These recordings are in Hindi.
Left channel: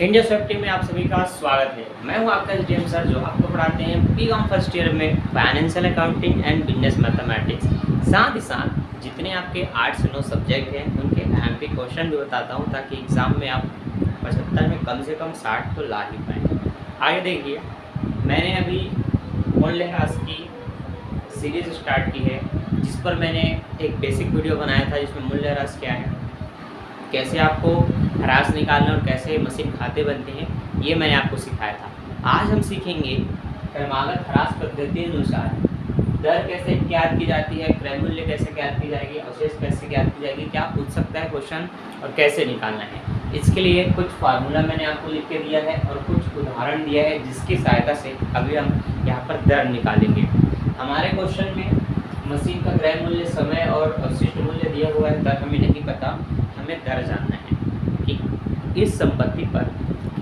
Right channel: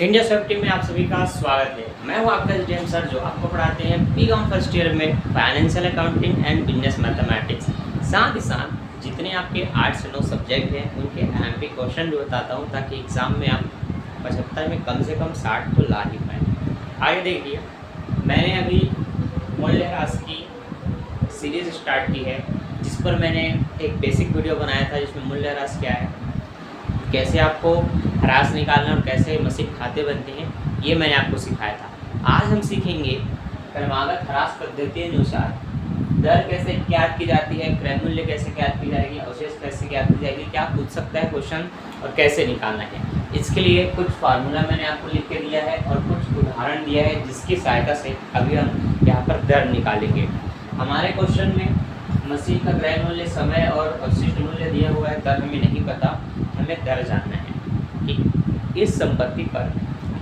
इंडिया सेफ्टी में आप सभी का स्वागत है। मैं हूं आपका एसडीएम सर, जो आपको पढ़ाते हैं बीकॉम फर्स्ट ईयर में financial accounting and business mathematics. साथ ही साथ जितने आपके 8 से 9 सब्जेक्ट हैं उनके एमपी क्वेश्चन भी बताता हूं, ताकि एग्ज़ाम में आप 75 में कम से कम 60 तो ला ही पाएँ। आगे देखिए, मैंने अभी मूल्यह्रास की सीरीज़ स्टार्ट की है, जिस पर मैंने एक बेसिक वीडियो बनाया था, जिसमें मूल्यह्रास क्या है, कैसे आपको ह्रास निकालना और कैसे मशीन खाते बनते हैं, ये मैंने आपको सिखाया था। आज हम सीखेंगे क्रमागत ह्रास पद्धति अनुसार दर कैसे ज्ञात की जाती है, क्रय मूल्य कैसे ज्ञात की जाएगी, अवशेष कैसे ज्ञात की जाएगी, क्या पूछ सकता है क्वेश्चन और कैसे निकालना है। इसके लिए कुछ फार्मूला मैंने आपको लिख के दिया है और कुछ उदाहरण दिया है, जिसकी सहायता से अभी हम यहाँ पर दर निकालेंगे। हमारे क्वेश्चन में मशीन का क्रय मूल्य, समय और अवशिष्ट मूल्य दिया हुआ है, दर हमें नहीं पता, हमें दर जानना है कि इस संपत्ति पर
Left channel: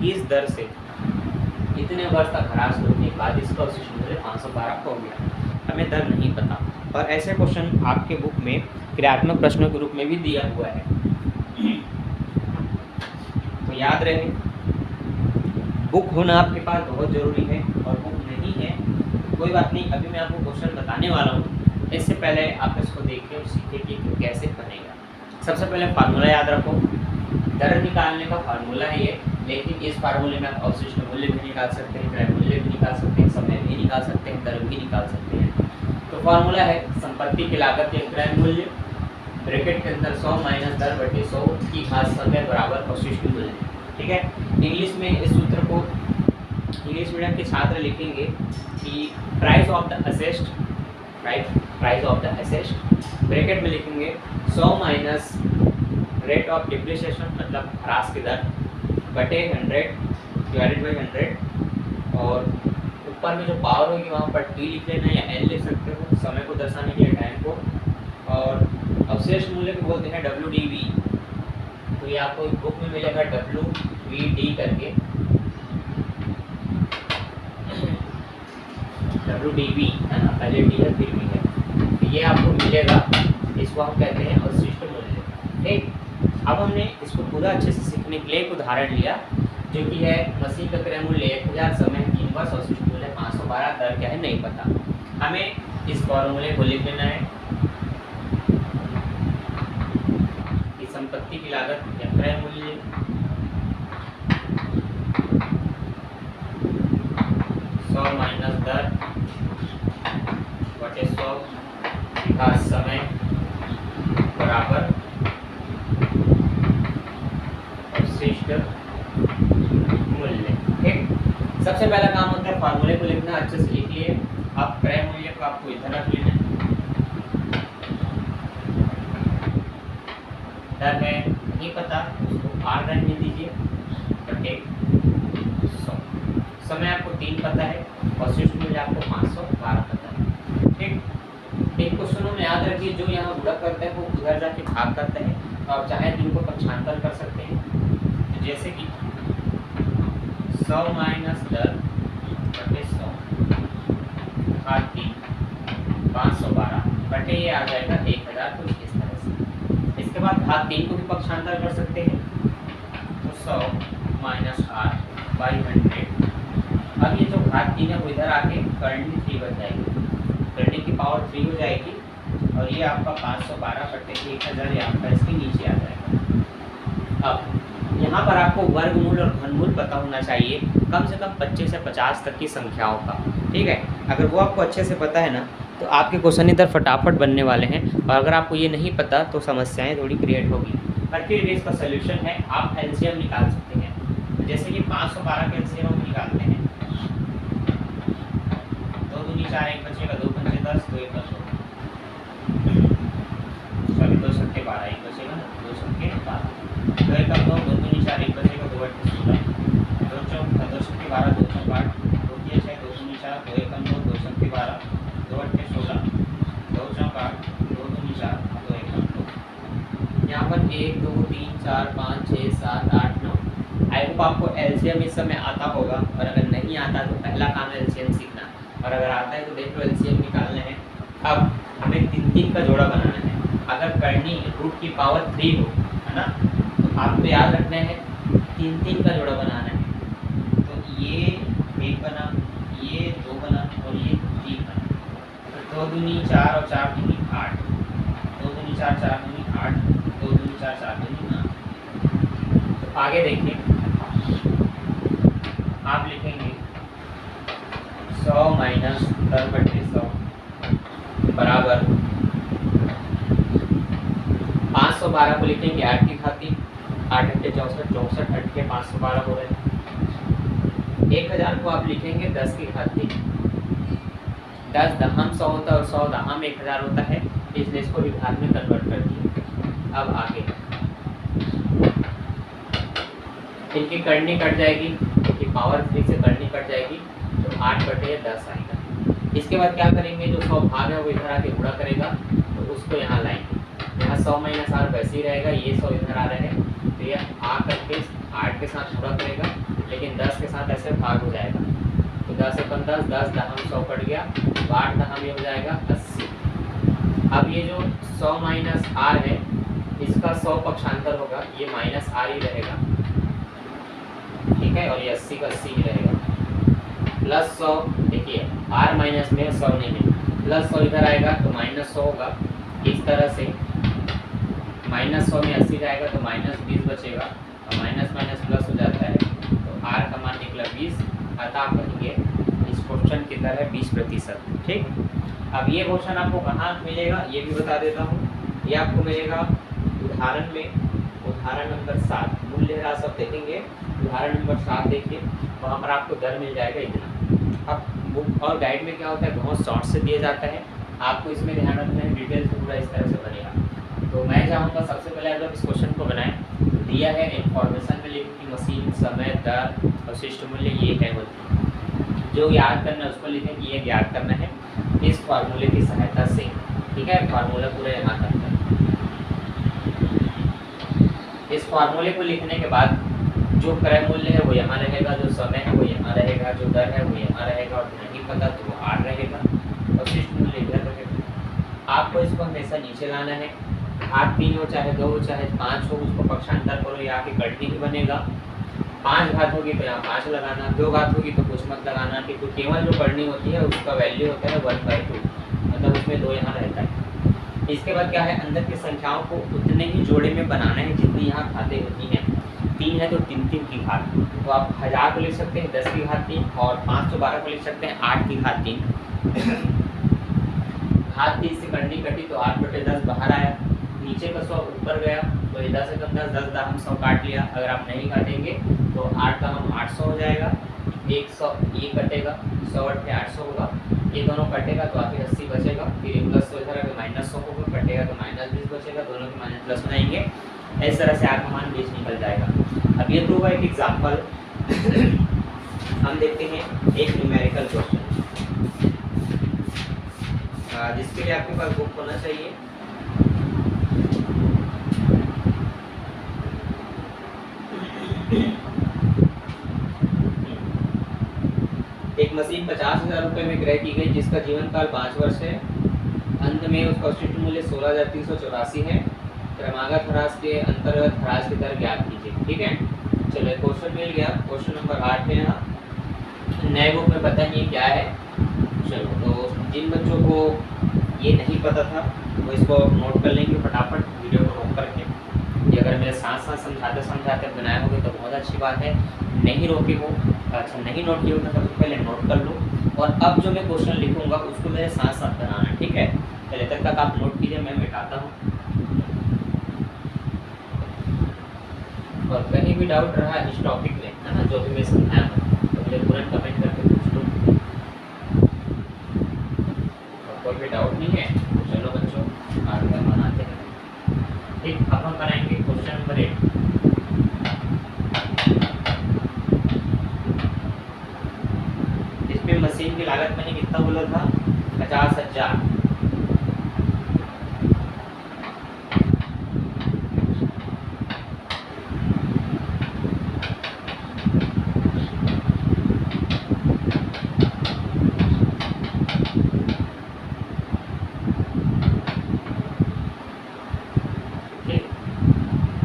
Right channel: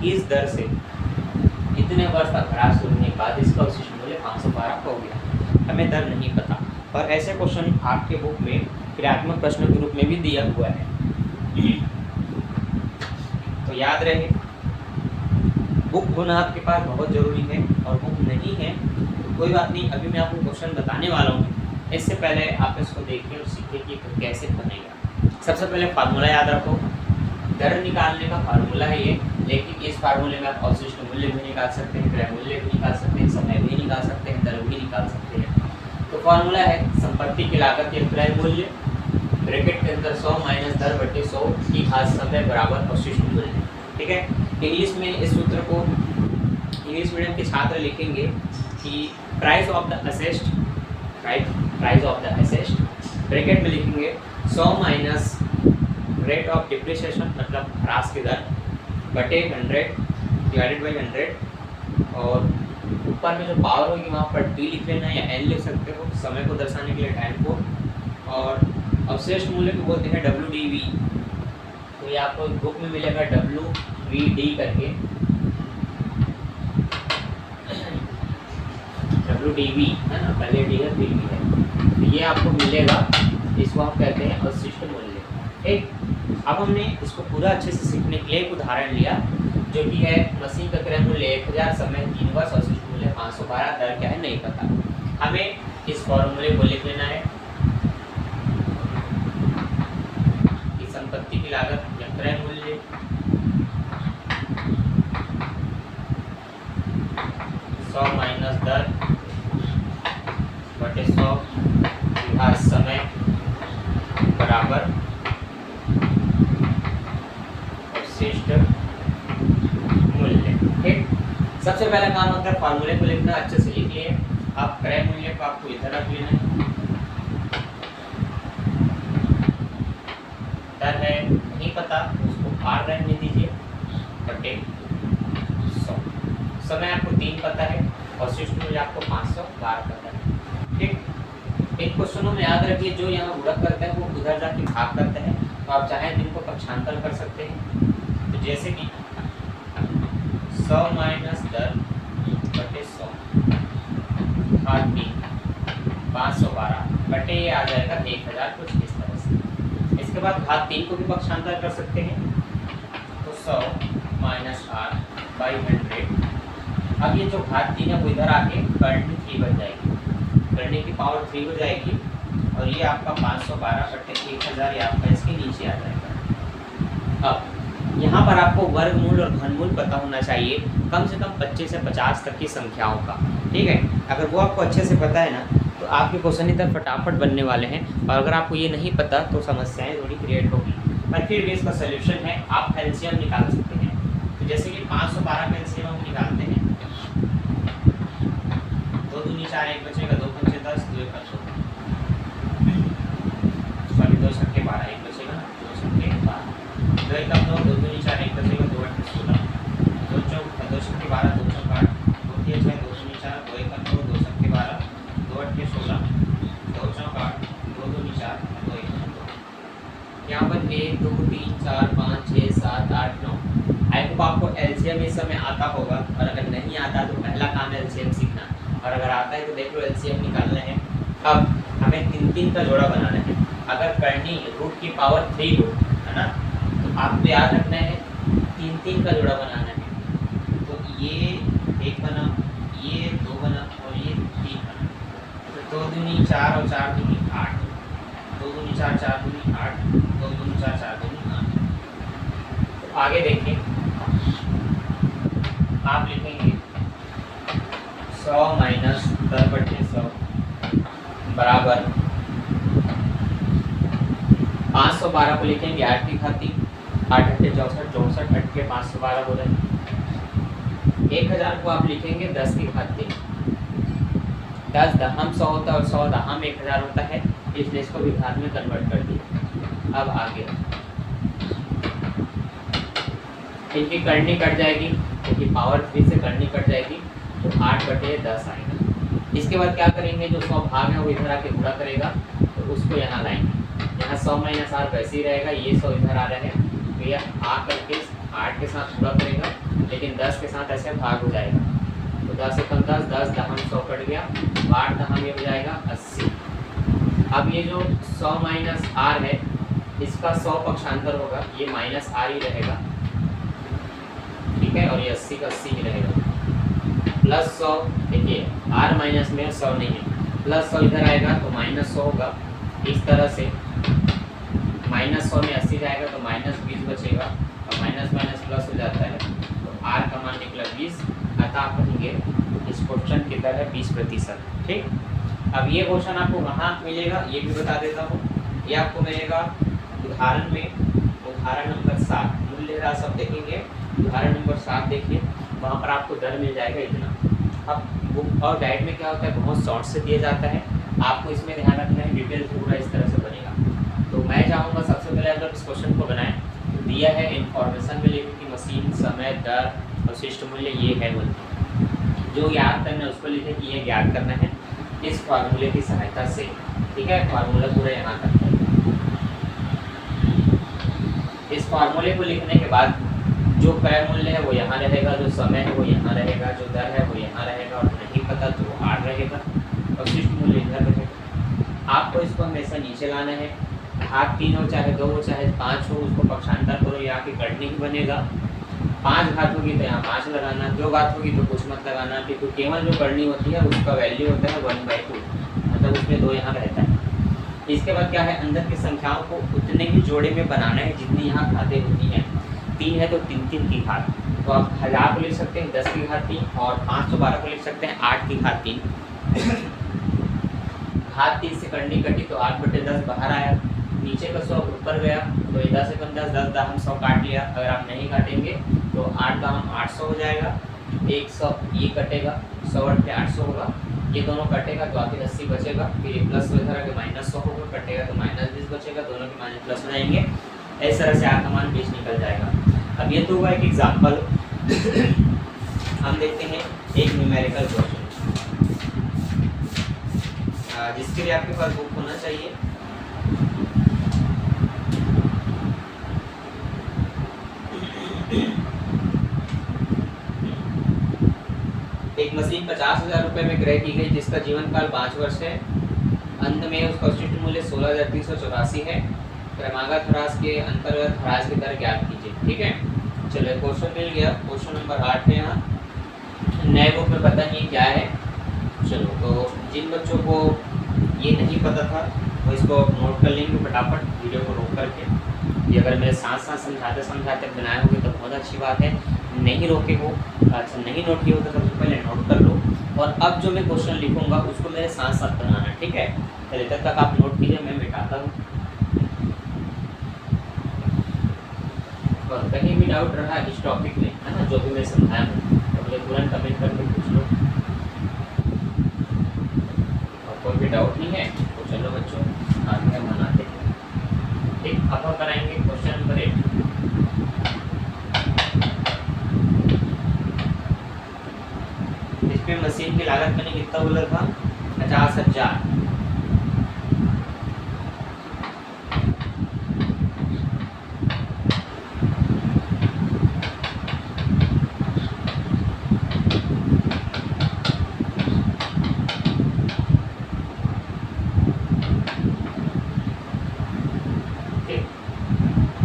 किस दर से कितने वर्ष तक ह्रास होने के बाद इसका अवशिष्ट मूल्य 512 हो गया। हमें दर नहीं पता, और ऐसे क्वेश्चन आपके बुक में क्रियात्मक प्रश्नों के रूप में भी दिया हुआ है, तो याद रहे बुक होना आपके पास बहुत ज़रूरी है। और बुक नहीं है तो कोई बात नहीं, अभी मैं आपको क्वेश्चन बताने वाला हूँ। इससे पहले आप इसको देखिए और सीखिए कि कैसे बनेगा। सबसे पहले फार्मूला याद रखो, दर निकालने का फार्मूला है ये, लेकिन इस फार्मूले में आप अवशिष्ट मूल्य भी निकाल सकते हैं, क्रय मूल्य भी निकाल सकते हैं, समय भी निकाल सकते हैं, दर भी निकाल सकते हैं। तो फार्मूला है संपत्ति की लागत या क्रय मूल्य ब्रैकेट के अंदर 100 माइनस दर बटे 100 की घात समय बराबर अवशिष्ट मूल्य। ठीक है, इंग्लिश में इस सूत्र को इंग्लिश मीडियम के छात्र लिखेंगे कि price of the asset, right, price of the asset bracket में लिखेंगे 100 माइनस रेट ऑफ डिप्रिसिएशन, मतलब ह्रास की दर, बटे 100 डिवाइडेड बाई 100, और ऊपर में जो पावर होगी वहाँ पर टी लिख लेना या एन लिख सकते हो, समय को दर्शाने के लिए टाइम को, और अवशेष मूल्य को बोलते हैं WDV। तो ये आपको बुक में मिलेगा WVD करके, WDV है ना, पहले डी है फिर भी है, तो ये आपको मिलेगा, इसको आप कहते हैं अवशिष्ट मूल्य। ठीक, अब हमने इसको पूरा अच्छे से सीखने के लिए एक उदाहरण लिया, जो कि है मशीन का क्रय मूल्य 1000, समय 3 वर्ष, अवशिष्ट मूल्य 512, दर क्या है नहीं पता। हमें इस फॉर्मूले को लिख लेना है कि संपत्ति की लागत या क्रय मूल्य माइनस दर बटे 100 घात समय बराबर अवशिष्ट मूल्य। ठीक, सबसे पहला काम होता है फार्मूले को लिखना, अच्छे से लिख लिए। आप क्रय मूल्य को आपको इधर रख लेना है, दर है नहीं पता, उसको आर रहने दीजिए, बटे 100, समय आपको 3 पता है, अवशिष्ट मूल्य आपको 512 पता है। ठीक, इन क्वेश्चनों में याद रखिए, जो यहाँ गुणक करता है वो उधर जाके भाग करता है, तो आप चाहें तो इनको पक्षांतर कर सकते हैं। तो जैसे कि 100 माइनस दर बटे 100 घात 3 512 बटे ये आ जाएगा 1000, कुछ इस तरह से। इसके बाद घात 3 को भी पक्षांतर कर सकते हैं, तो 100 माइनस r बाई 100। अब ये जो घात 3 है वो इधर आके करनी 3 बन जाएगी, करने की पावर 3 हो जाएगी, और ये आपका 512 बटे 1000 ये आपका इसके नीचे आ जाएगा। अब यहाँ पर आपको वर्गमूल और घनमूल पता होना चाहिए, कम से कम 25 से 50 तक की संख्याओं का। ठीक है, अगर वो आपको अच्छे से पता है ना, तो आपके क्वेश्चन इधर फटाफट बनने वाले हैं, और अगर आपको ये नहीं पता तो समस्याएं थोड़ी क्रिएट होगी। पर फिर इसका सोल्यूशन है, आप एलसीएम निकाल सकते हैं। तो जैसे कि 512 का एलसीएम हम निकालते हैं, 2 दूनी 4, 1 बचेगा, 2 पंचे 10, 2 एक 12, सॉरी 2 छक्के 12, 1 बचेगा, 2 छक्के 12, 2 एक 9, 2 दूनी 4, 1 बचेगा, 2 8 16, 2 चौक 2 छक्के 12, 2 चौक 8, 2 6 6, 2 दूनी 4, 2 एक 9, 2 छक्के 12, 2 8 16, 2 चौक 8, 2 दूनी 4, 2 एक 9। यहाँ पर 1 2 3 4 5 6 7 8 9। आई होप आपको एलसीएम इस समय आता होगा, और अगर नहीं आता तो पहला काम है एलसीएम सीखना, और अगर आता है तो देख लो एलसीएम निकालना है। अब हमें 3 3 का जोड़ा बनाना है। अगर करनी रूट की पावर 3 हो, है ना, तो आपको याद रखना है 3 का जोड़ा बनाना है। तो ये 1 बना, ये 2 बना और ये 3 बना। तो 2 दूनी 4 और 4 दूनी 8, 2 दूनी 4, 4 दूनी 8, 2 दूनी 4, 4 दूनी 8। तो आगे देखिए, आप लिखेंगे 100 माइनस 10/100 बराबर 512 को लिखेंगे 8 की घाती, 8 अट्ठे 64, 64 8 के 512 हो रहे हैं। 1000 को आप लिखेंगे 10 की घाती, 10 दहम 100 होता है और 100 दहम 1000 होता है, इसलिए इसको भी घात में कन्वर्ट कर दिए। अब आगे इनकी करनी कट जाएगी, क्योंकि पावर 3 से करनी कट जाएगी, तो 8/10 आएगा। इसके बाद क्या करेंगे, जो 100 भाग है वो इधर आके गुणा करेगा, तो उसको यहाँ लाएंगे। यहाँ 100 माइनस 8 वैसे ही रहेगा, ये 100 इधर आ रहा है, तो ये आ करके 8 के साथ गुणा करेगा, लेकिन 10 के साथ ऐसे भाग हो जाएगा। तो 10 से 10, 10 दहम 100 कट गया, 8 दहम ये हो जाएगा 80। अब ये जो 100 माइनस आर है, इसका 100 पक्षांतर होगा, ये माइनस आर ही रहेगा, ठीक है, और ये 80 का 80 ही रहेगा। प्लस 100, देखिए आर माइनस में 100 नहीं है, प्लस 100 इधर आएगा तो माइनस 100 होगा। इस तरह से माइनस 100 में 80 जाएगा तो माइनस 20 बचेगा, और माइनस माइनस प्लस हो जाता है, तो आर का मान निकला 20। अतः आप कहेंगे इस क्वेश्चन की दर है 20%। ठीक, अब ये क्वेश्चन आपको कहाँ मिलेगा ये भी बता देता हूँ। ये आपको मिलेगा उदाहरण में, उदाहरण नंबर 7, मूल्य ह्रास आप देखेंगे, उदाहरण नंबर 7 देखिए, वहाँ पर आपको दर मिल जाएगा इतना। अब बुक और गाइड में क्या होता है, बहुत शॉर्ट से दिया जाता है, आपको इसमें ध्यान रखना है, डिटेल पूरा इस तरह से बनेगा। तो मैं चाहूँगा सबसे पहले अगर इस क्वेश्चन को बनाएं, दिया है इन्फॉर्मेशन में लिखो कि मशीन, समय, दर, अवशिष्ट मूल्य ये है बोलते, जो याद करना है उसको लिखें कि ये याद करना है इस फार्मूले की सहायता से। ठीक है, फार्मूला पूरा यहाँ तक है। इस फार्मूले को लिखने के बाद जो क्रय मूल्य है वो यहाँ रहेगा, जो समय है वो यहाँ रहेगा, जो दर है वो यहाँ रहेगा, और नहीं पता तो वो आर रहेगा, अवशिष्ट मूल्य इधर रहेगा। आपको इसको हमेशा नीचे लाना है, घात 3 हो चाहे 2 हो चाहे 5 हो, उसको पक्षांतर करो, यहाँ की कटनी ही बनेगा। 5 घात होगी तो यहाँ 5 लगाना, 2 घात होगी तो कुछ मत लगाना, क्योंकि केवल जो करनी होती है उसका वैल्यू होता है 1/2, मतलब उसमें 2 यहाँ रहता है। इसके बाद क्या है, अंदर की संख्याओं को उतने ही जोड़े में बनाना है जितनी यहाँ घातें होती हैं। 3 है तो 3 की घात, तो आप 1000 को लिख सकते हैं 10 की घात 3, और 512 को लिख सकते हैं 8 की घात 3। घात 3 से करनी कटी तो 8/10 बाहर आया, नीचे का 100 ऊपर गया, तो 10 से 10, 10 दहम 100 काट लिया। अगर आप नहीं काटेंगे तो 8 दहम 800 हो जाएगा, 100 ये कटेगा, 100 अट्ठे 800 होगा, ये दोनों कटेगा तो आखिर 80 बचेगा, फिर ये प्लस इधर आके माइनस 100 होगा, कटेगा तो माइनस 20 बचेगा, दोनों के माइनस प्लस में आएंगे, इस तरह से आर का मान 20 निकल जाएगा। अब ये तो होगा एक एग्जाम्पल। हम देखते हैं एक न्यूमेरिकल क्वेश्चन, जिसके लिए आपके पास बुक होना चाहिए। एक मशीन 50,000 रुपये में क्रय की गई, जिसका जीवन काल 5 वर्ष है। अंत में उसका अवशिष्ट मूल्य 16,384 है। क्रमागत ह्रास के अंतर्गत ह्रास की दर ज्ञात कीजिए। ठीक है, चलो क्वेश्चन मिल गया। क्वेश्चन नंबर 8 है यहाँ, नए बुक में पता नहीं क्या है। चलो, तो जिन बच्चों को ये नहीं पता था वो इसको नोट कर लेंगे फटाफट, वीडियो को रोक करके। ये अगर मेरे साथ साथ समझाते समझाते बनाए होंगे तो बहुत अच्छी बात है, नहीं रोके हो, अच्छा नहीं नोट किए हो तो सबसे पहले नोट कर लो, और अब जो मैं क्वेश्चन लिखूंगा उसको मेरे साथ साथ बनाना है। ठीक है, पहले तक आप नोट कीजिए, मैं मिटाता हूँ। और कहीं भी डाउट रहा इस टॉपिक में, है ना, जो भी मैं समझाया हूँ, तो मुझे तुरंत कमेंट करके पूछ लो। और कोई भी डाउट नहीं है तो चलो बच्चों आगे का मनाते हैं। ठीक, अब हम कराएंगे क्वेश्चन नंबर 8। इसमें मशीन की लागत मैंने कितना बोला था, 50,000।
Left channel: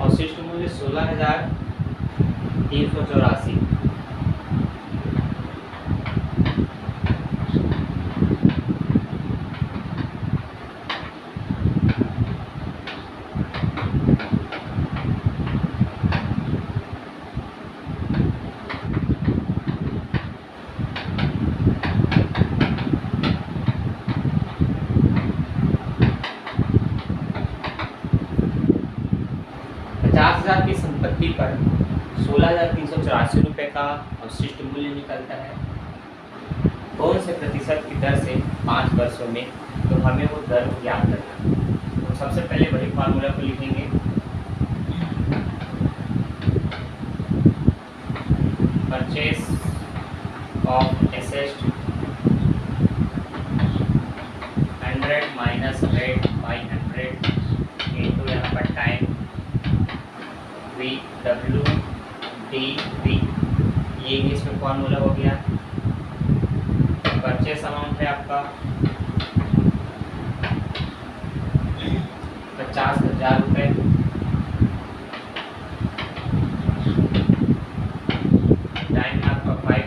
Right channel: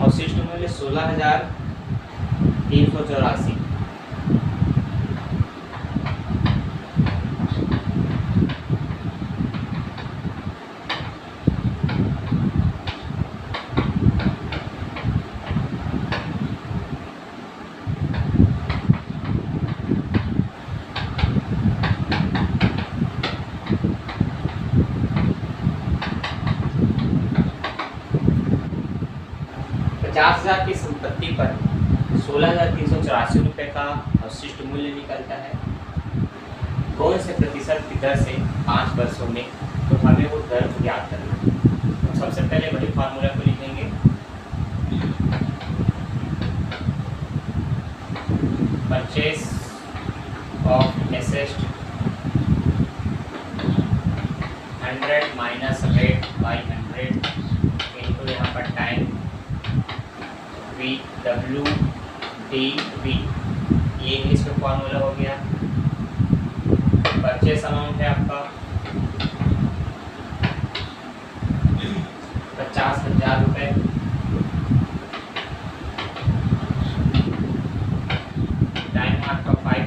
अवशिष्ट मूल्य मूल्य 16,384। ₹50,000 की संपत्ति पर 16,384 रुपये का अवशिष्ट मूल्य निकलता है। कौन से प्रतिशत की दर से 5 वर्षों में, तो हमें वो दर ज्ञात करना है। तो सबसे पहले वही फार्मूला को लिखेंगे, purchase of asset 100 minus rate by 100 into यहाँ पर टाइम WDV, ये इंग्लिश में फॉर्मूला हो गया। परचेस अमाउंट है आपका 50,000 रुपये, टाइम है आपका 5,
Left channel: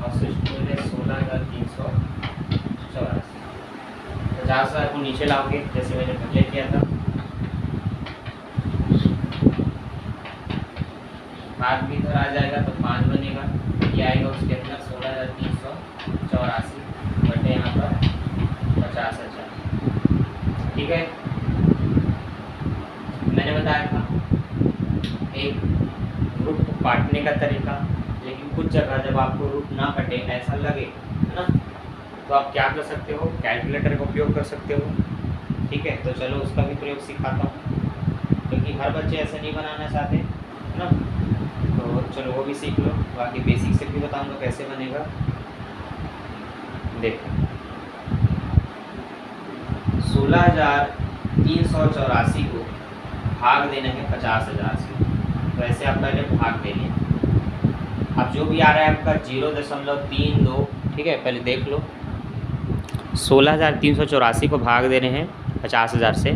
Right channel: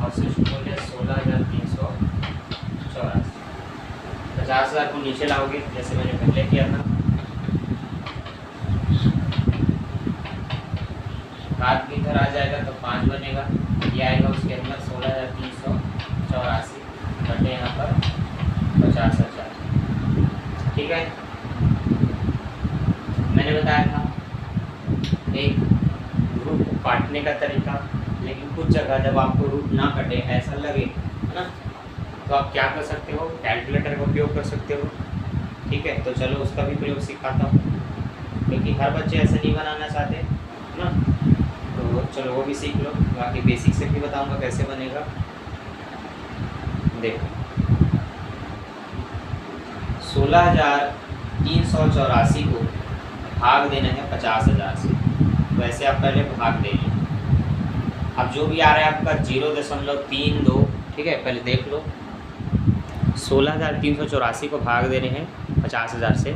अवशिष्ट मूल्य 16,384। 50,000 को नीचे लाओगे जैसे मैंने पहले किया था, बाद भी इधर आ जाएगा तो 5 बनेगा, ये आएगा उसके अंदर 16,384 बटे यहाँ पर 50,000। ठीक है, मैंने बताया था एक रूट को काटने का तरीका, लेकिन कुछ जगह जब आपको रूट ना कटे ऐसा लगे, है ना, तो आप क्या कर सकते हो, कैलकुलेटर का उपयोग कर सकते हो। ठीक है, तो चलो उसका भी प्रयोग सिखाता हूँ, क्योंकि हर बच्चे ऐसा नहीं बनाना चाहते, है ना, तो चलो वो भी सीख लो। बाकी बेसिक से भी बताऊंगा कैसे बनेगा। देखो 16,384 को भाग देना है 50,000 से, तो ऐसे आप पहले भाग दे लें। अब जो भी आ रहा है आपका 0.32, ठीक है, पहले देख लो। 16,384 को भाग दे रहे हैं 50,000 से,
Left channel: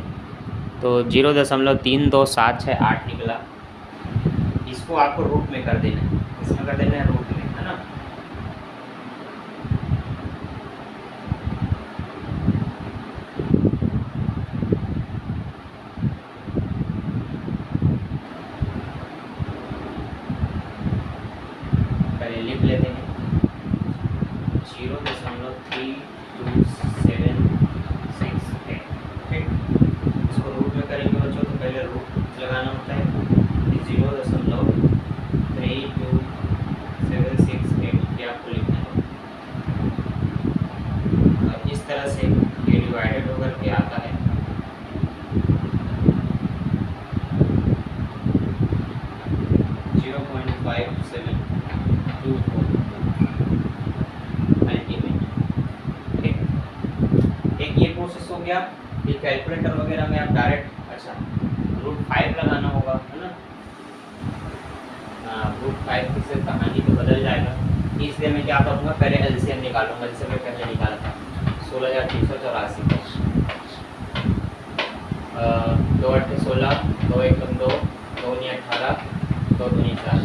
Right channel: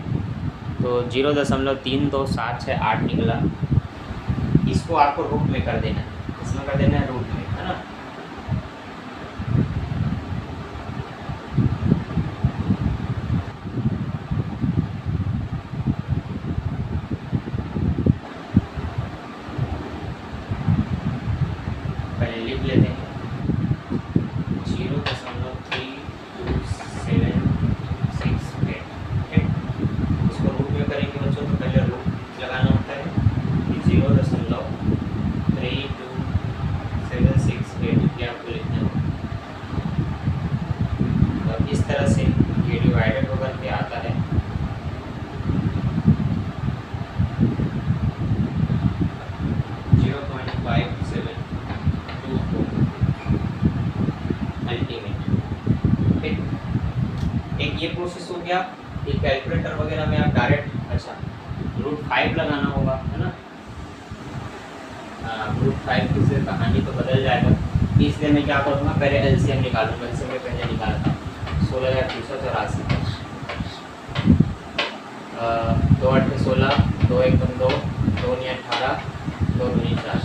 तो 0.3278 निकला। इसको आपको रूट में कर देना है, इसमें कर देना है रूट में, है ना। पहले लिख लेते हैं 0.3278। इसको रूट में करेंगे बच्चों, तो पहले रूट लगाना होता है। 0.32768 ये आपको लिखना है। अब इस तरह से ये डिवाइडेड होकर के आता है 0.5724 अल्टीमेट। एक ये प्रोसेस हो गया। ये कैलकुलेटर वगैरह में आप डायरेक्ट √5 लगाना होगा, है ना। √5 की से कहानी तो बदल जाएगा, इसलिए मैं क्या करूँगा, पहले एलसीएम निकालूंगा, जैसे मैं पहले निकाला था 16,384 का। 2 8 16, 2 1 2, 2 9 18, 2 2 4,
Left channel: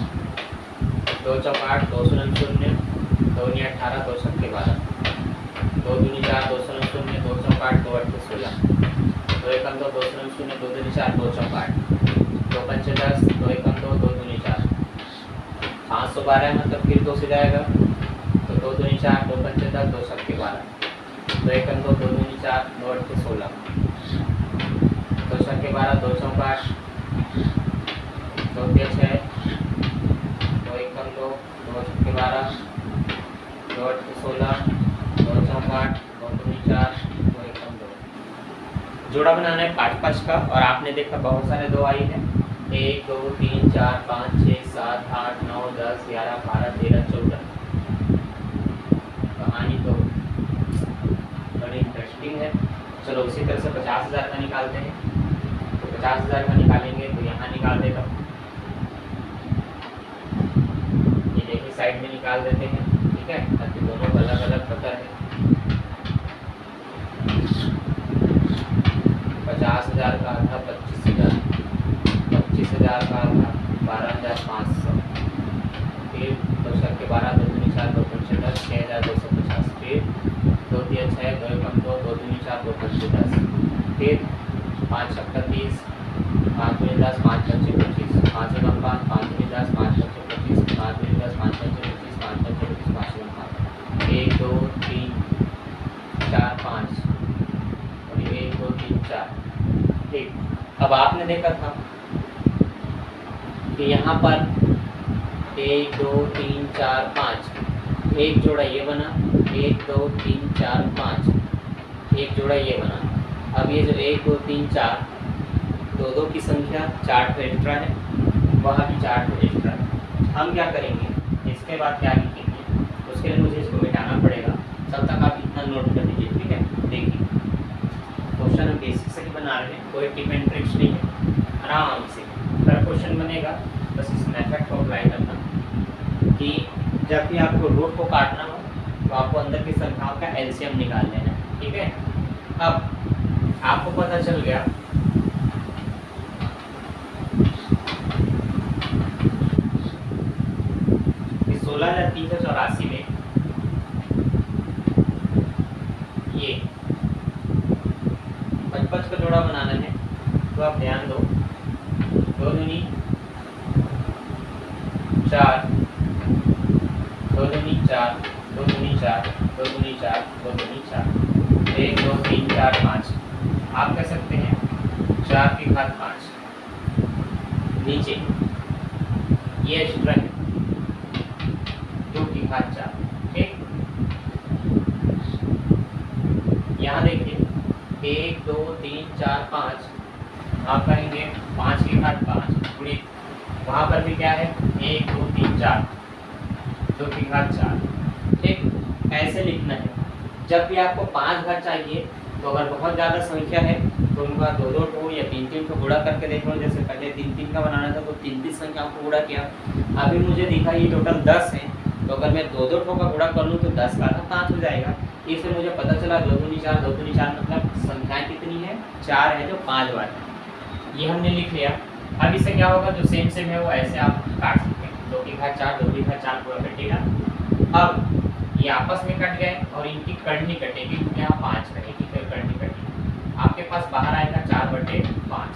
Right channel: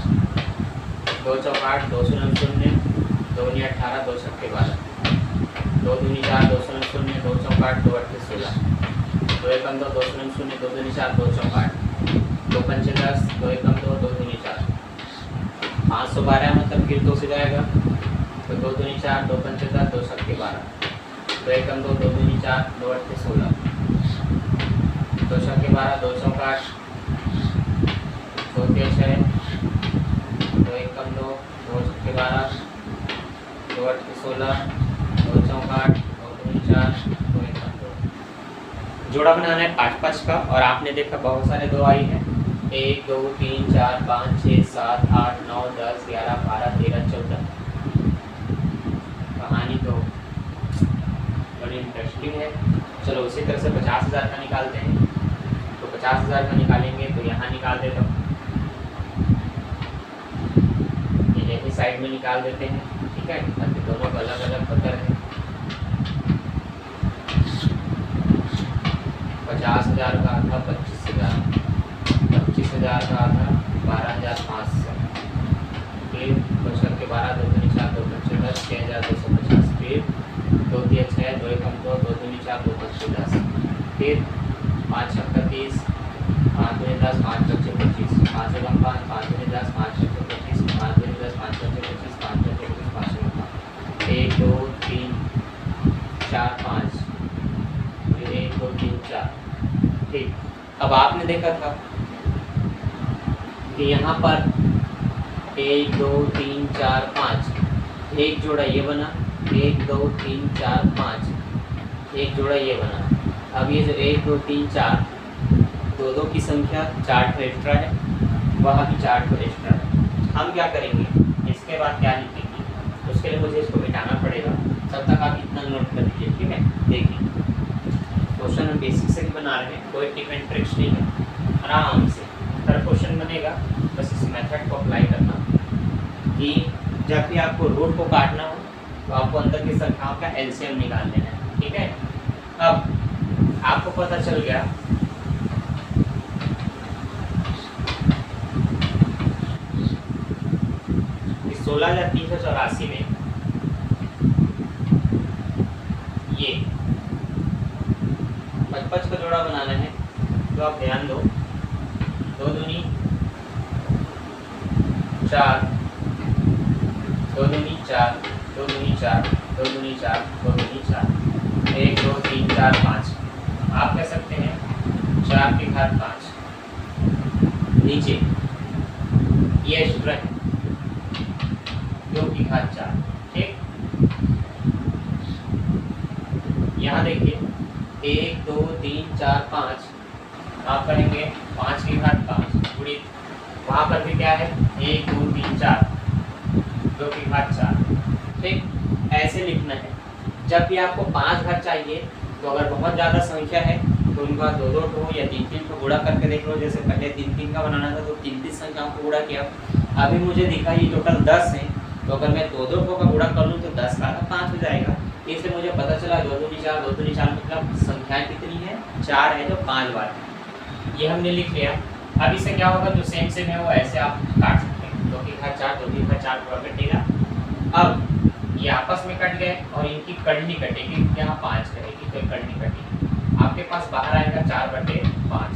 2 4 8, 2 0 0, 2 9 18, 2 6 12, 2 2 4, 2 0 0, 2 4 8, 2 8 16, 2 1 2, 2 0 0, 2 2 4, 2 4 8, 2 5 10, 2 1 2, 2 2 4, 512 मतलब फिर 2 से जाएगा, तो 2 2 4, 2 5 10, 2 7 12, 2 1 2, 2 2 4, 2 8 16, 2 6 12, 2 4 8, 2 6 6, 2 1 2, 2 6 12, 2 8 16, 2 4 8, 2 2 4, 2 1 2। जोड़ा बनाना है 5 5 का, और आपने देखा बहुत सारे 2 आई है, 1 2 3 4 5 6 7 8 9 10 11 12 13 14। कहानी तो बड़ी इंटरेस्टिंग है। चलो उसी तरह से 50,000 का निकालते हैं, तो 50,000 का निकालेंगे तो यहाँ निकाल देता हूँ, ये एक ही साइड में निकाल देते हैं, ठीक है, ताकि दोनों का अलग अलग पता है। 50,000 का था 25,000, 25,000 12,000 का था 12,500, फिर 5 के 12, 2 दूनी 4, 2 पंचे 10, 6,250, फिर 2 तिया 6, 2 एकम 2, 2 दूनी 4, 2 पंचे 10, फिर 5 छक्का 30, 5 दूनी 10, 5 पंचे 25, 5 एकम 5, 5 दूनी 10, 5 पंचे 25, 5 दूनी 10, 5 पंचे 25, 5 पंचे 25, 5 एकम 5, 1 2 3 4 5, फिर 1 2 3 4। ठीक, अब आपने देखा था कि यहाँ पर 1 2 3 4 5, एक जोड़ा ये बना, 1 2 3 4 5, एक जोड़ा ये बना। अब ये जो 1 2 3 4, दो दो की संख्या 4 तो एक्स्ट्रा है, वहाँ भी 4 तो एक्स्ट्रा है। हम क्या करेंगे, इसके बाद क्या लिखेंगे, उसके लिए मुझे इसको मिटाना पड़ेगा, तब तक आप इतना नोट कर लीजिए। ठीक है, देखिए क्वेश्चन हम बेसिक से ही बना रहे हैं, कोई टिप एंड ट्रिक्स नहीं है, आराम से तरह क्वेश्चन बनेगा। बस इस मेथड को अप्लाई करना कि जब भी आपको रूट को काटना हो तो आपको अंदर की संख्याओं का एलसीएम निकाल लेना है। ठीक है, अब आपको पता चल गया कि 16,384 में ये 55 का जोड़ा बनाना है, तो आप ध्यान दो, 2 दूनी 4, 2 दूनी 4, 2 दूनी 4, 2 दूनी 4, 2 दूनी 4, 1 2 3 4 5, आप कह सकते हैं 4 की घात 5, नीचे ये सूत्र है 2 की घात 4। ठीक, यहाँ देखिए 1 2 3 4 5, आप करेंगे 5 की घात 5 गुणित, वहाँ पर भी क्या है 1 2 3 4, 2 की घात 4। ठीक, ऐसे लिखना है। जब भी आपको 5 घात चाहिए तो अगर बहुत ज़्यादा संख्या है तो उनका 2 2 ठो या 3 3 ठो गुणा करके देख लो। जैसे पहले 3 3 का बनाना था तो 3 3 संख्याओं को गुणा किया। अभी मुझे दिखा ये टोटल 10 है, तो अगर मैं 2 2 ठो का गुणा कर लूँ तो 10 का 5 हो जाएगा। इससे मुझे पता चला 2 दूनी 4, 2 दूनी 4 मतलब संख्याएँ कितनी है, 4 है, जो 5 बार है। ये हमने लिख लिया। अब इससे क्या होगा, जो सेम सेम है वो ऐसे आप काट सकते हैं, 2 की घात 4, 2 की घात 4 पूरा कटेगा। अब ये आपस में कट गए और इनकी कड़ नहीं कटेगी क्योंकि यहाँ 5 कटेगी, तो कड़ नहीं कटेगी। आपके पास बाहर आएगा 4/5,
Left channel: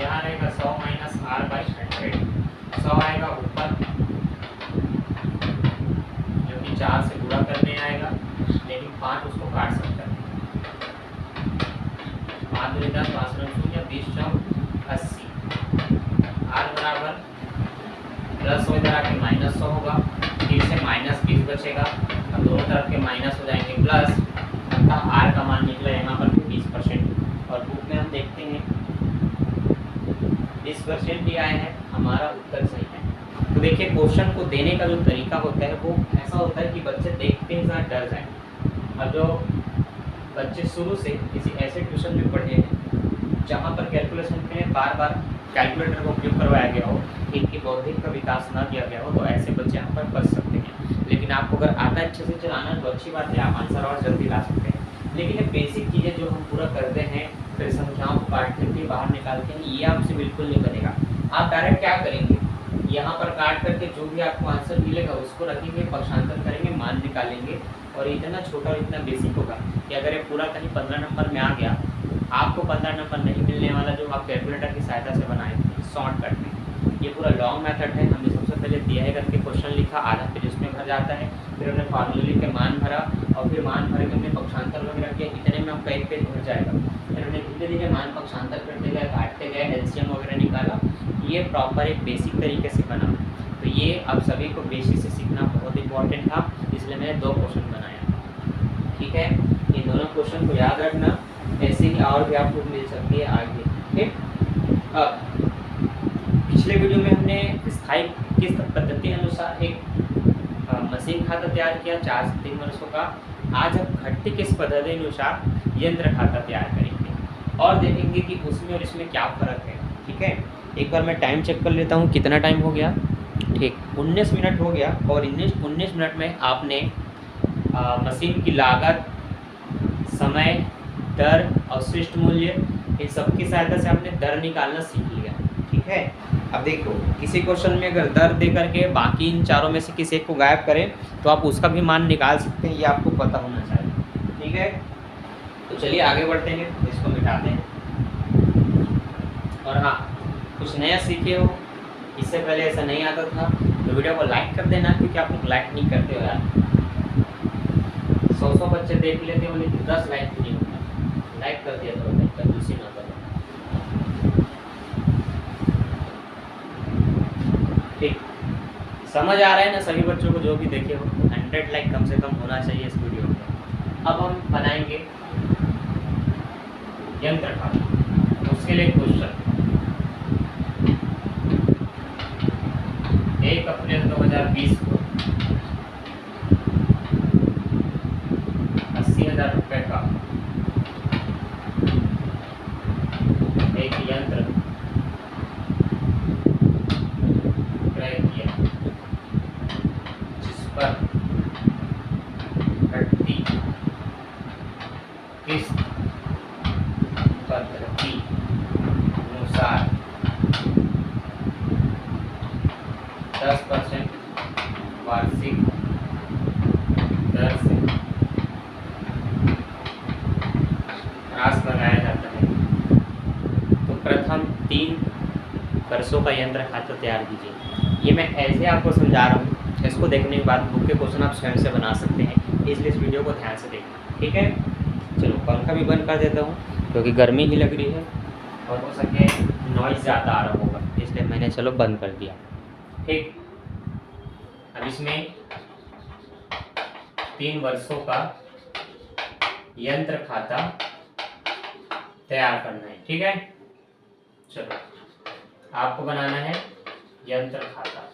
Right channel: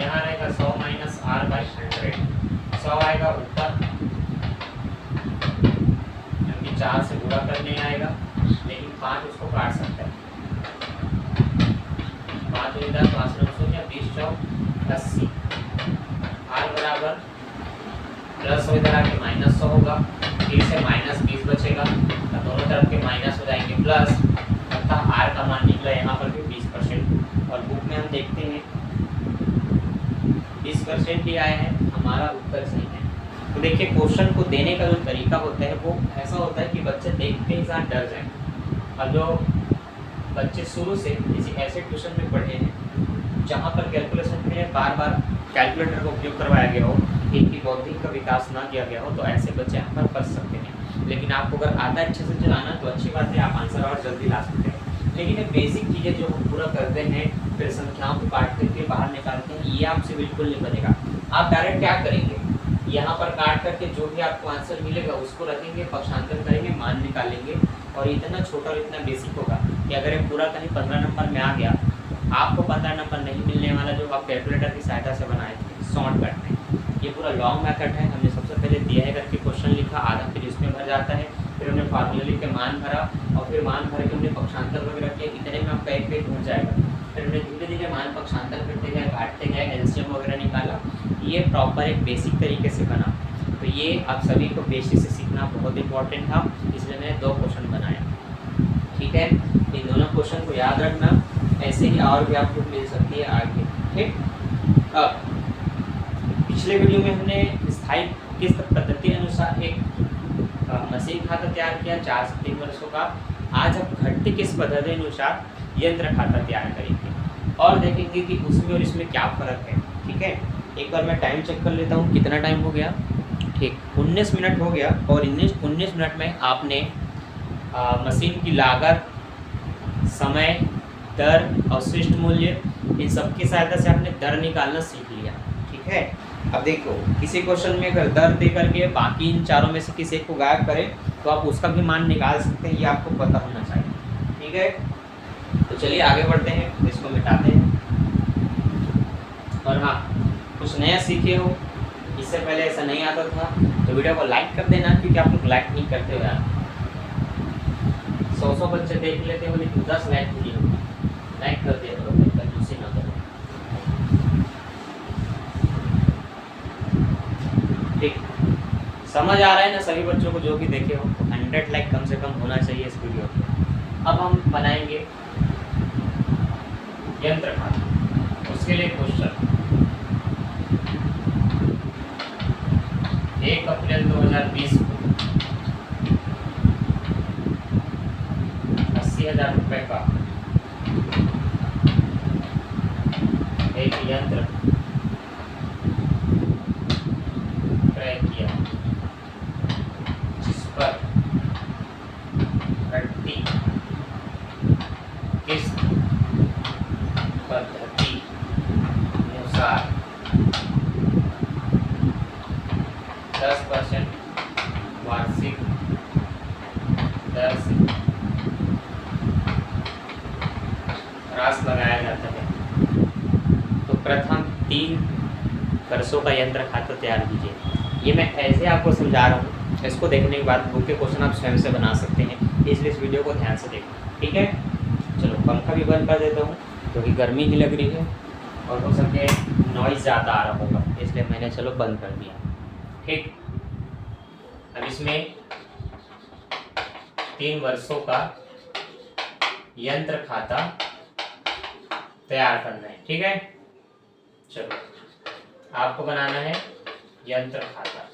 यहाँ रहेगा 100 माइनस r/100, 100 आएगा ऊपर, क्योंकि 4 से गुणा करने आएगा, लेकिन 5 उसको काट सकता है। 5 दूनी 10, 5 शून्य, 20 चौक 80, r बराबर प्लस हो, इधर आके -100 होगा, फिर से -20 बचेगा और दोनों तरफ के माइनस हो जाएंगे प्लस, अतः r का मान निकला यहाँ पर भी 20%। और बुक में हम देखते हैं 20% ही आया है, हमारा उत्तर सही है। तो देखिए क्वेश्चन को देने का जो तरीका होता है वो ऐसा होता है कि बच्चे देखते ही साथ डर जाएं। और जो बच्चे शुरू से किसी ऐसे ट्यूशन में पढ़े हैं जहाँ पर कैलकुलेशन के लिए बार बार कैलकुलेटर का उपयोग करवाया गया हो, इनकी बौद्धिक का विकास ना किया गया हो, तो ऐसे बच्चे यहाँ पर पढ़ सकते हैं। लेकिन आपको अगर आता है अच्छे से चलाना तो अच्छी बात है, आप आंसर और जल्दी ला सकते हैं। लेकिन ये बेसिक चीज़ें जो हम पूरा करते हैं, फिर संख्याओं को काट करके बाहर निकालते हैं, ये आपसे बिल्कुल नहीं बनेगा। आप डायरेक्ट क्या करेंगे, यहाँ पर काट करके जो भी आपको आंसर मिलेगा उसको रखेंगे, पक्षांतर करेंगे, मान निकालेंगे। और इतना छोटा और इतना बेसिक होगा कि अगर ये पूरा कहीं 15 नंबर में आ गया, आपको 15 नंबर नहीं मिलने वाला, जो आप कैलकुलेटर की सहायता से बनाए थे शॉर्टकट में। ये पूरा लॉन्ग मेथड है। हमने सबसे पहले दिया है करके क्वेश्चन लिखा, आधा फिर उसमें भर जाता है, फिर हमने फार्मूला लिख के मान भरा, और फिर मान भर के हमने पक्षांतर वगैरह किया, इतने में आपका एक पेज भर जाएगा। फिर हमने धीरे धीरे मान पक्षांतर करते गए, काटते गए, एलसीएम वगैरह निकाला। ये प्रॉपर एक बेसिक तरीके से बना। तो ये आप सभी को बेसिक से सीखना बहुत इंपॉर्टेंट था, इसलिए मैंने 2 क्वेश्चन बनाया। ठीक है, इन दोनों क्वेश्चन को याद रखना, ऐसे ही और भी आपको मिल सकती है आगे। ठीक, अब पिछले वीडियो में हमने स्थायी किस्त पद्धति अनुसार एक मशीन खाता तैयार किया 4 से 3 वर्षों का। आज हम घटती किस्त पद्धति अनुसार यंत्र खाता तैयार करेंगे और देखेंगे कि उसमें और इसमें क्या फ़र्क है। ठीक है, एक बार मैं टाइम चेक कर लेता हूँ कितना टाइम हो गया। ठीक, 19 मिनट हो गया, और 19 मिनट में आपने मशीन की लागत, समय, दर, अवशिष्ट मूल्य, इन सब की सहायता से आपने दर निकालना सीख लिया। ठीक है, अब देखो किसी क्वेश्चन में अगर 10 दे करके बाकी इन चारों में से किसी एक को गायब करें तो आप उसका भी मान निकाल सकते हैं, ये आपको पता होना चाहिए। ठीक है, तो चलिए आगे बढ़ते हैं, इसको मिटाते हैं। और हाँ, कुछ नया सीखे हो, इससे पहले ऐसा नहीं आता था तो वीडियो को लाइक कर देना, क्योंकि आप लोग लाइक नहीं करते हो यार। 100 बच्चे देख लेते हो लेकिन 10 लाइक नहीं होता। लाइक कर दिया करो भाई, कंजूसी ना करो। ठीक, समझ आ रहा है ना सभी बच्चों को जो भी देखे हो? 100 लाइक कम से कम होना चाहिए इस वीडियो पे। अब हम बनाएंगे यंत्र खाता, उसके लिए क्वेश्चन 1 अप्रैल 2020 को 80,000 रुपये का एक यंत्र क्रय किया, जिस पर प्रति किस्त पद्धति अनुसार 10% वार्षिक दर से ह्रास लगाया जाता है, तो प्रथम 3 वर्षों का यंत्र खाता तैयार कीजिए। ये मैं ऐसे आपको समझा रहा हूँ, इसको देखने के बाद बुक के क्वेश्चन आप स्वयं से बना सकते हैं, इसलिए इस वीडियो को ध्यान से देखना। ठीक है, चलो पंखा भी बंद कर देता हूँ क्योंकि गर्मी ही लग रही है और हो सके नॉइज़ ज़्यादा आ रहा होगा, इसलिए मैंने चलो बंद कर दिया। ठीक, अब इसमें 3 वर्षों का यंत्र खाता तैयार करना है। ठीक है, चलो आपको बनाना है यंत्र खाता।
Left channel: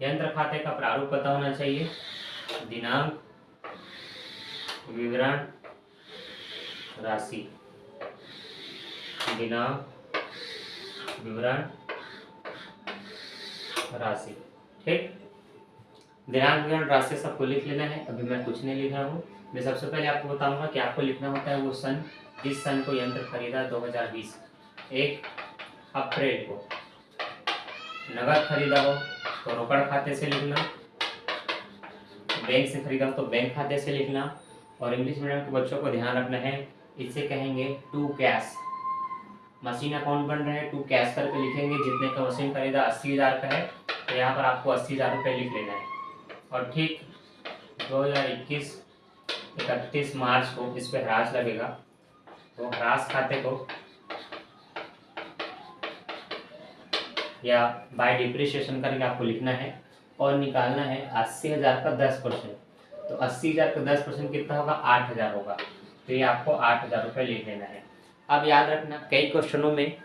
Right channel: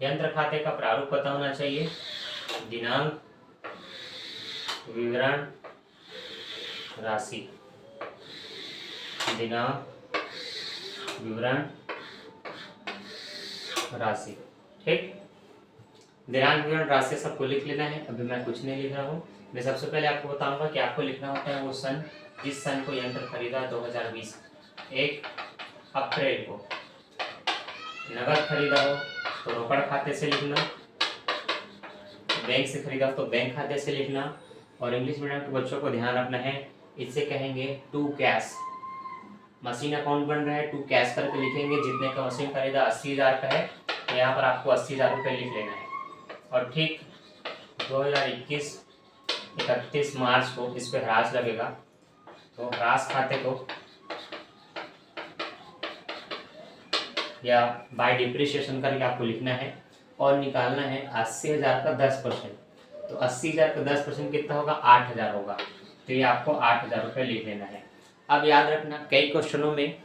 यंत्र खाते का प्रारूप पता होना चाहिए, दिनांक, विवरण, राशि। दिनांक, विवरण, राशि। ठीक, दिनांक, विवरण, राशि सबको लिख लेना है। अभी मैं कुछ नहीं लिख रहा हूँ। मैं सबसे पहले आपको बताऊंगा कि आपको लिखना होता है वो सन, जिस सन को यंत्र खरीदा 2020, 1 अप्रैल को। नगद खरीदा हो तो रोकड़ खाते से लिखना, बैंक से खरीदा तो बैंक खाते से लिखना। और इंग्लिश मीडियम के बच्चों को ध्यान रखना है, इसे कहेंगे टू कैश। मशीन अकाउंट बन रहा है, टू कैश करके लिखेंगे। जितने का मशीन खरीदा 80,000 का है तो यहाँ पर आपको 80,000 रुपये लिख लेना है। और ठीक 2021 31 मार्च को इस पर ह्रास लगेगा, तो ह्रास खाते को या बाय डिप्रिसिएशन करके आपको लिखना है और निकालना है 80,000 का 10%। तो 80,000 का 10% कितना होगा? 8,000 होगा। तो ये आपको 8,000 रुपये लिख लेना है। अब याद रखना, कई क्वेश्चनों में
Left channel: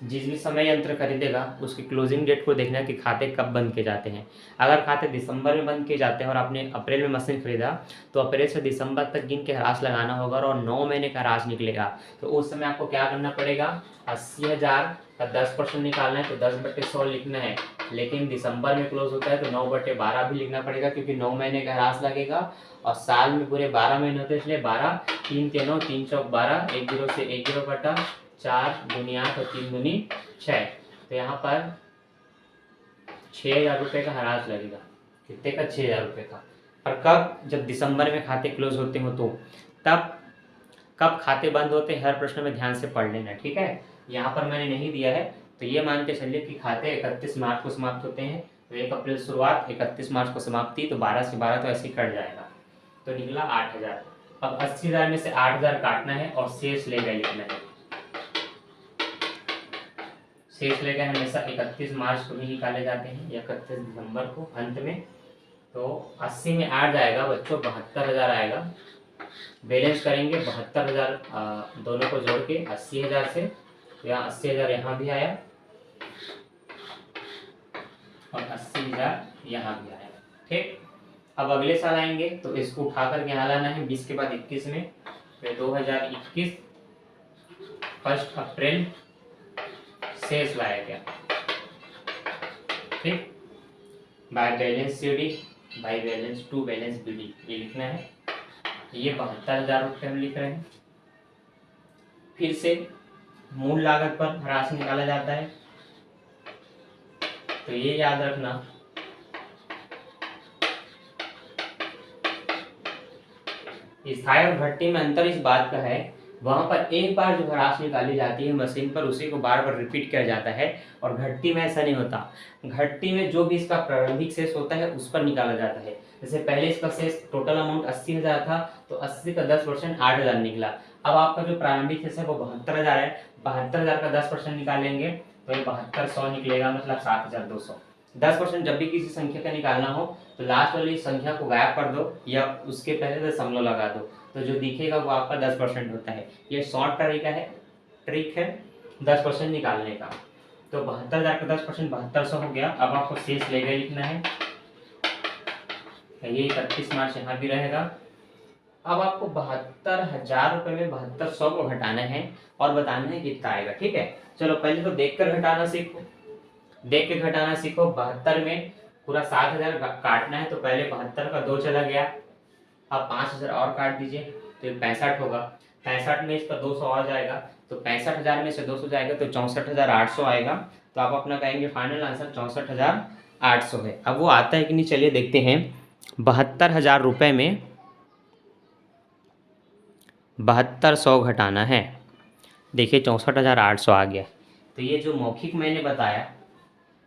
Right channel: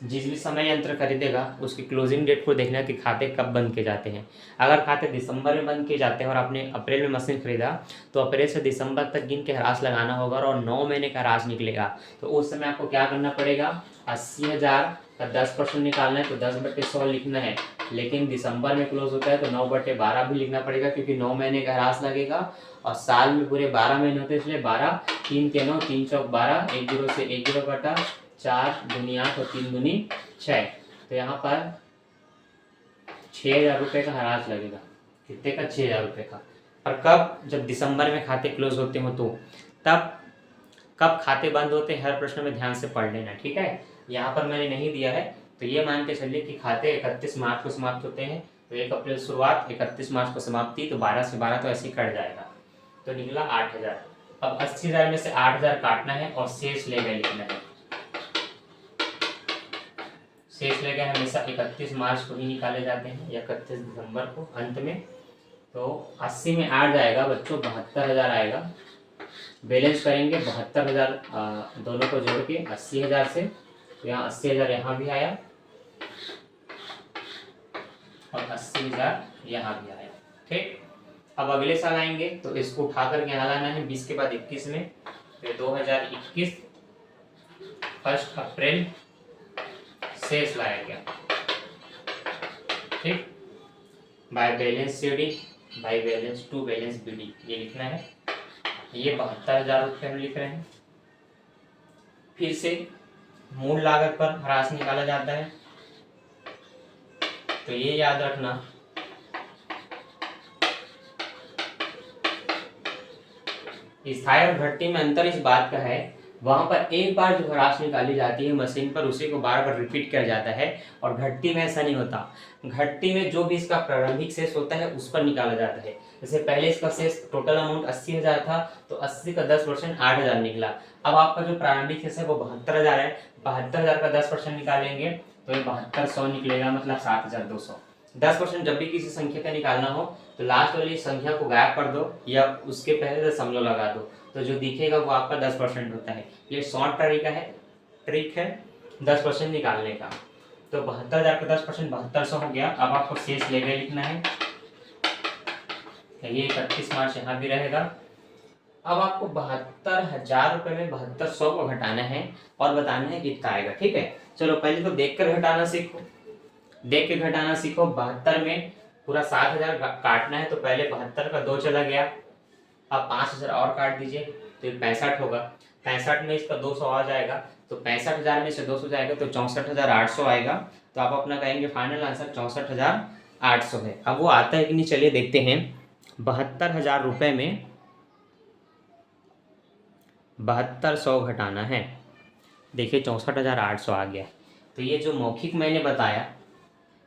जिस भी समय यंत्र खरीदेगा उसकी क्लोजिंग डेट को देखना कि खाते कब बंद किए जाते हैं। अगर खाते दिसंबर में बंद किए जाते हैं और आपने अप्रैल में मशीन खरीदा तो अप्रैल से दिसंबर तक गिन के ह्रास लगाना होगा और 9 महीने का ह्रास निकलेगा। तो उस समय आपको क्या करना पड़ेगा? 80,000 का 10% निकालना है, तो 10/100 लिखना है। लेकिन दिसंबर में क्लोज होता है तो 9/12 भी लिखना पड़ेगा, क्योंकि 9 महीने का ह्रास लगेगा और साल में पूरे 12 महीने होते हैं, इसलिए 12, 3 3 3 चौक 12, 1 0 से 1 0 बटा 4 दूनी 8 और 3 दूनी 6। तो यहाँ पर 6,000 रुपये का ह्रास लगेगा। कितने का? 6,000 रुपये का। और कब? जब दिसंबर में खाते क्लोज होते हो तो तब। कब खाते बंद होते हैं हर प्रश्न में ध्यान से पढ़ लेना। ठीक है, यहाँ पर मैंने नहीं दिया है तो ये मान के चलिए कि खाते 31 मार्च को समाप्त होते हैं, तो 1 अप्रैल शुरुआत, 31 मार्च को समाप्ति, तो 12 से 12 तो ऐसे ही कट जाएगा, तो निकला 8,000। अब 80,000 में से 8,000 काटना है और शेष ले गए लिखना है। शेष ले गए हमेशा 31 मार्च को ही निकाले जाते हैं या 31 दिसंबर को अंत में। तो 80 में 8 जाएगा बच्चों, 72,000 आएगा। बैलेंस करेंगे 72,000 दोनों को जोड़ के 80,000 से, तो यहाँ 80,000 यहाँ भी आया और 80,000 यहाँ भी आया। ठीक, अब अगले साल आएंगे तो इसको उठा करके यहाँ लाना है 20 के बाद 21 में, तो 2021 1 अप्रैल शेष लाया गया। ठीक, by balance C D, by balance to balance B D, ये लिखना है। ये 72,000 रुपये हम लिख रहे हैं। फिर से मूल लागत पर ह्रास निकाला जाता है। तो ये याद रखना, स्थायी और घटती में अंतर इस बात का है, वहां पर एक बार जो ह्रास निकाली जाती है मशीन पर, उसी को बार बार रिपीट किया जाता है, और घटती में ऐसा नहीं होता। घटती में जो भी इसका प्रारंभिक शेष होता है उस पर निकाला जाता है। जैसे पहले इसका शेष टोटल अमाउंट 80,000 था, तो 80 का 10% 8,000 निकला। अब आपका जो प्रारंभिक शेष है वो 72,000 है, 72,000 का 10% निकालेंगे तो ये 7200 निकलेगा, मतलब 7,200। 10% जब भी किसी संख्या का निकालना हो तो लास्ट वाली संख्या को गायब कर दो या उसके पहले दशमलव लगा दो, तो जो दिखेगा वो आपका 10% होता है। ये शॉर्ट ट्रिक है 10% निकालने का। तो 72,000 का 10% 7200 हो गया। अब आपको शेष ले गए लिखना है, ये 31 मार्च यहाँ भी रहेगा। अब आपको 72,000 रुपये में 7200 को घटाना है और बताना है कितना आएगा। ठीक है, चलो पहले तो देख कर घटाना सीखो। देख के घटाना सीखो। 72 में पूरा 7,000 काटना है, तो पहले 72 का 2 चला गया। अब 5,000 और काट दीजिए तो ये 65 होगा। 65 में इसका 200 आ जाएगा, तो 65,000 में से 200 जाएगा तो 64,800 आएगा। तो आप अपना कहेंगे फाइनल आंसर 64,800 है। अब वो आता है कि नहीं, चलिए देखते हैं। 72,000 रुपये में 7200 घटाना है। देखिए 64,800 आ गया। तो ये जो मौखिक मैंने बताया,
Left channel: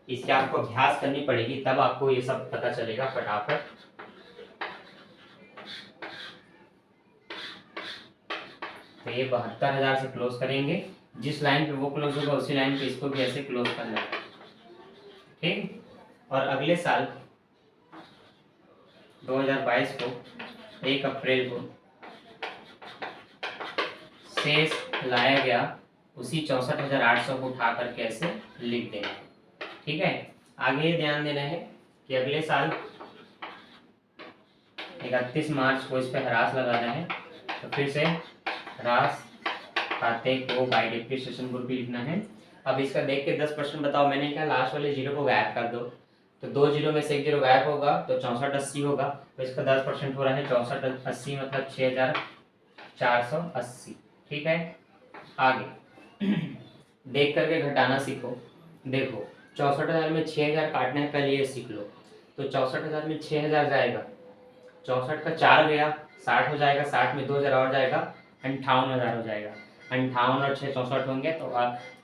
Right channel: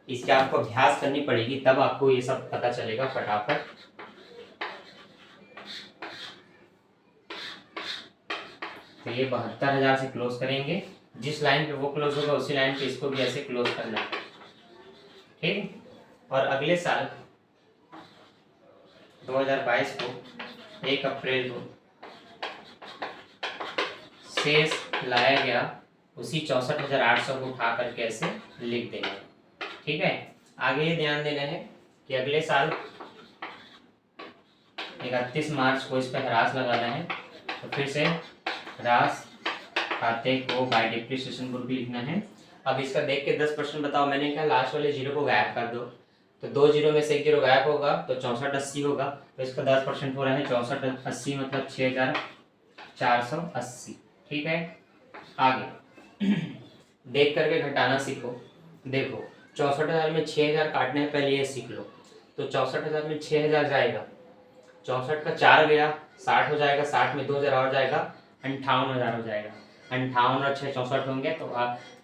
इसके आपको अभ्यास करनी पड़ेगी, तब आपको ये सब पता चलेगा फटाफट। तो ये 72,000 से क्लोज करेंगे। जिस लाइन पे वो क्लोज होगा उसी लाइन पे इसको भी ऐसे क्लोज करना है। ठीक, और अगले साल 2022 को 1 अप्रैल को शेष लाया गया, उसी 64,800 को उठा करके ऐसे लिख देना है। ठीक है, आगे ये ध्यान देना है कि अगले साल 31 मार्च को इस पर ह्रास लगाना है। तो फिर से ह्रास खाते को बाय डिप्रिसिएशन ग्रुप भी लिखना है। अब इसका देख के 10% बताओ। मैंने कहा लास्ट वाले जीरो को गायब कर दो, तो 2 जीरो में से 1 जीरो गायब होगा तो 6480 होगा। तो इसका 10% हो रहा है 6480, मतलब 6,480। ठीक है, आगे देख करके घटाना सीखो। देखो 64,000 में 6,000 काटना है, पहले ये सीख लो। तो 64,000 में 6,000 जाएगा, 64 का 4 गया, 60 हो जाएगा, 60 में 2,000 और जाएगा, 58,000 हो जाएगा। 58 और 6 64 होंगे, तो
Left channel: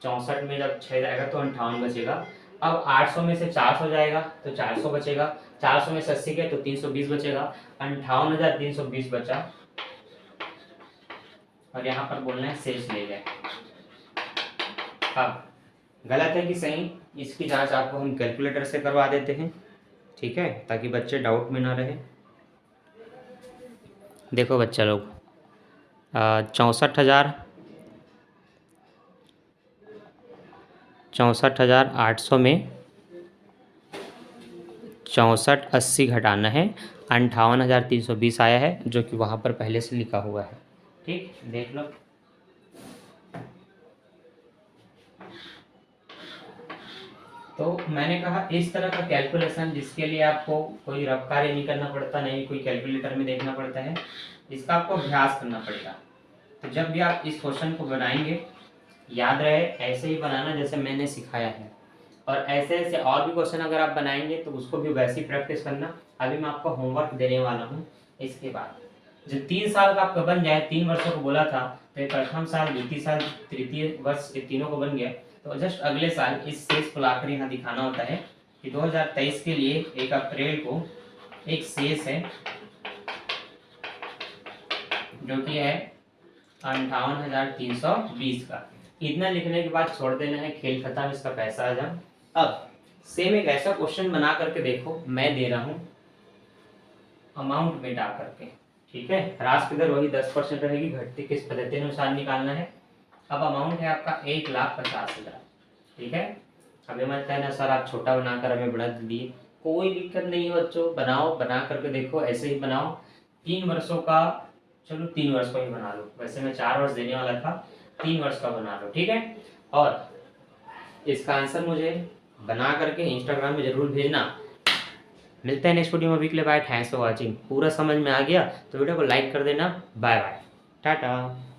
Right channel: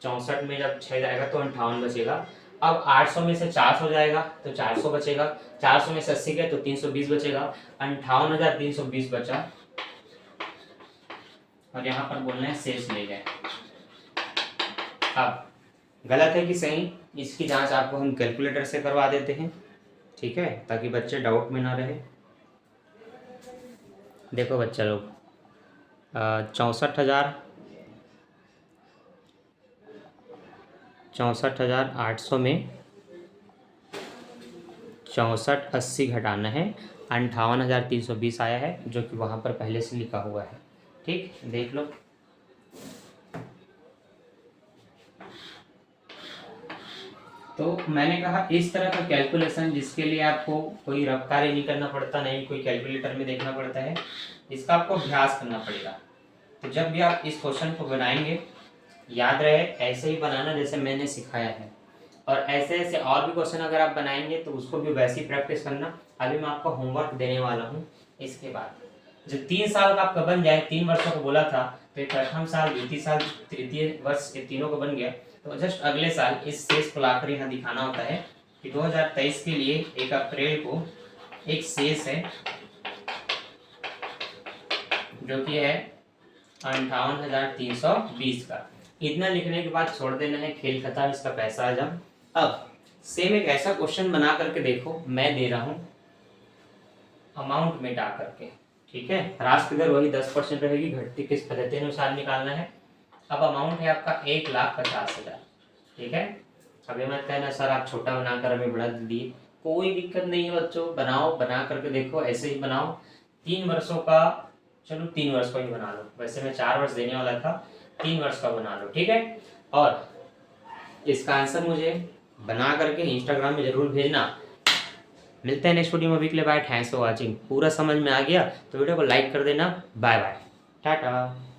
64 में जब 6 जाएगा तो 58 बचेगा। अब 800 में से 400 जाएगा तो 400 बचेगा। 400 में से 80 गया तो 320 बचेगा। 58,320 बचा, और यहाँ पर बोलना है शेष ले जाए। अब गलत है कि सही, इसकी जांच आपको हम कैलकुलेटर से करवा देते हैं। ठीक है, ताकि बच्चे डाउट में ना रहे। देखो बच्चा लोग, 64,800 में 6480 घटाना है। 58,320 आया है, जो कि वहाँ पर पहले से लिखा हुआ है। ठीक, देख लो। तो मैंने कहा इस तरह का कैलकुलेशन जिसके लिए आपको कोई रफ कार्य नहीं करना पड़ता, नहीं कोई कैलकुलेटर में देखना पड़ता है, इसका आपको अभ्यास करना पड़ेगा। तो जब भी आप इस क्वेश्चन को बनाएंगे, याद रहे ऐसे ही बनाना जैसे मैंने सिखाया है, और ऐसे ऐसे और भी क्वेश्चन अगर आप बनाएंगे तो उसको भी वैसी प्रैक्टिस करना। अभी मैं आपको होमवर्क देने वाला हूँ। इसके बाद जो 3 साल का आपका बन जाए, 3 वर्षों को बोला था, तो ये प्रथम साल, द्वितीय साल, तृतीय वर्ष, ये तीनों को बन गया। तो जस्ट अगले साल इस शेष को लाकर यहाँ दिखाना होता है कि 2023 के लिए 1 अप्रैल को एक शेष है जो कि है 58,320 का। इतना लिखने के बाद छोड़ देना है, खेल खत्म, इसका पैसा आ जाओ। अब सेम एक ऐसा क्वेश्चन बना करके देखो, मैं दे रहा हूँ अमाउंट में डाल करके। ठीक है, ह्रास की दर वही 10% रहेगी, घटती किस पद्धति अनुसार निकालना है। अब अमाउंट है आपका 1,50,000। ठीक है, अभी मत कहना सर आप छोटा बनाकर हमें बड़ा दिए, कोई दिक्कत नहीं है बच्चों, बनाओ, बना करके देखो, ऐसे ही बनाओ। 3 वर्षों का, चलो 3 वर्ष का ही बना लो, वैसे मैं 4 वर्ष देने वाला था, 3 वर्ष का बना लो। ठीक है, और इसका आंसर मुझे बना करके इंस्टाग्राम में जरूर भेजना। मिलते हैं नेक्स्ट वीडियो में। अभी के लिए बाय, थैंक्स फॉर वॉचिंग। पूरा समझ में आ गया तो वीडियो को लाइक कर देना। Bye bye, Tata.